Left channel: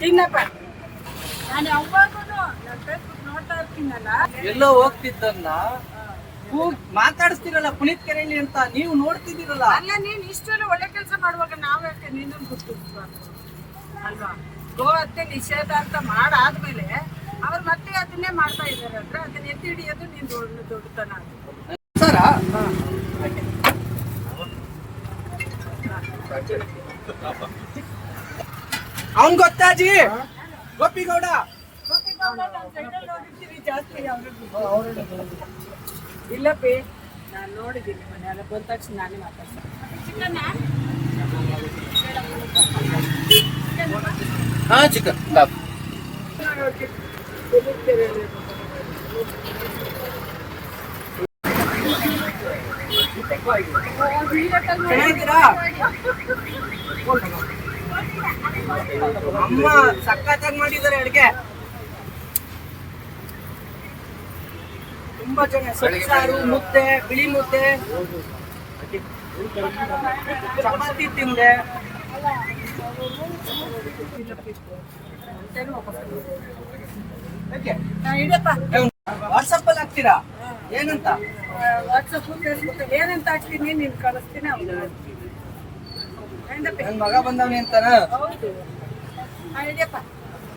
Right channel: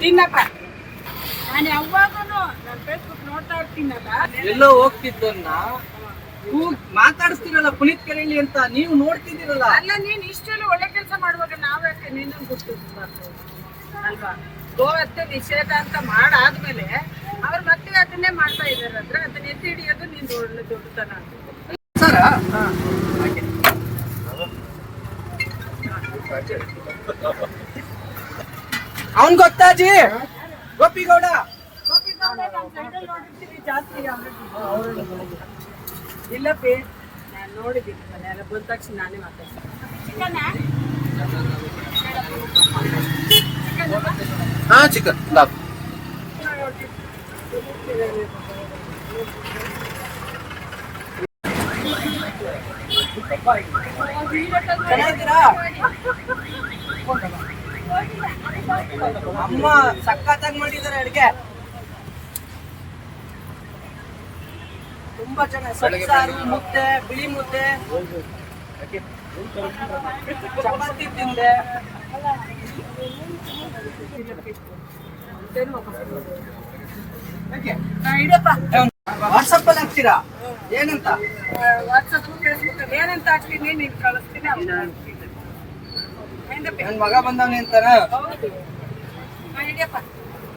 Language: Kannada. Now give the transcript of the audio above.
ತಿನ್ನಪ್ಪ. ನಾನು ಯಾವಾಗಲೂ ನನ್ನ ಫೇಸ್ಬುಕ್ ನೋಡ್ತಾ ಇರ್ತೀನಲ್ಲ. ಎಲ್ಲೋ ಹೋಗ್ತಿದ್ದನ್ನ ಮಾತಾಡಿಸ್ತೀರಲ್ಲ ಪುನೀತ್ ಕೆರೆಯಲ್ಲಿ ಅಂತ, ನೀವು ನೋಡ್ತಿದ್ದೀರಲ್ಲ. ಅಲ್ಲ, ನೀನ್ ಇಷ್ಟೆಲ್ಲ ಒಳ್ಳೆ ಕೆಲಸ ಮಾಡುವಾಗ ನಾವ್ ಯಾಕೆ ನೀನು ಗುರ್ತು ಅಲ್ವಾ? ಗೋಹತ್ಯೆ ನಿಷೇಧ ಅಂತ ಮಾಡಾದ್ಮೇಲೆ ಅವ್ರು ಮತ್ತೆ ಅದನ್ನೇ ಮಾಡ್ತಾ ಇದಾರೆ ಅಂದ್ರೆ ಅದನ್ನ ಎತ್ತಿ ಹಿಡಿಯೋದು ನಿಂದು ಒಳ್ಳೆ ದೊಡ್ಡತನ. ಸರ ಅವನ್ ಗೊತ್ತಾಜಿ ಗೋಪಿಗೌಡ ಜಾಸ್ತಿ ಇಲ್ಲಪ್ಪಿ, ನಾನು ನೋಡಿದ್ದೀನಿ ಮನೆಯಲ್ಲ ಬಂದ ತಕ್ಷಣ ನಾನೇ ಮಾತಾಡ್ತೀನಿ. ಹಾ ಚಿಕನ್ ಚೆನ್ನಾಗಿದ್ದೀರಾ? ಅಮ್ಮ ಸಖತ್ತಾಗಿ ಮಾಡಿದ್ದಾರೆ ಅಡ್ಗೆ, ತುಂಬಾ ಚೆನ್ನಾಗಿ. ಸೊಪ್ಸಾರು, ಮುದ್ದೆ, ಬಿಳಿ ಮುದ್ದೆ, ಚಪಾತಿ ತಿಂದೆ. ವಾಟ್ಸಪ್ ಅಲ್ಲಿ ಹಾಕ್ತೀರಾ? ಏನಂತ? ವಾಟ್ಸಪ್ ಫೇಸ್ಬುಕ್ ಏನಂತ ಹಾಕ್ತೀನಿ, ನೀನ್ ಕಳಿಸ್ತೀನಿ. ನನ್ ಮಗ ಬಂದವನಿ ಅಂತಾನ? ಹೌದು, ಹಿಡಿಯಪ್ಪ.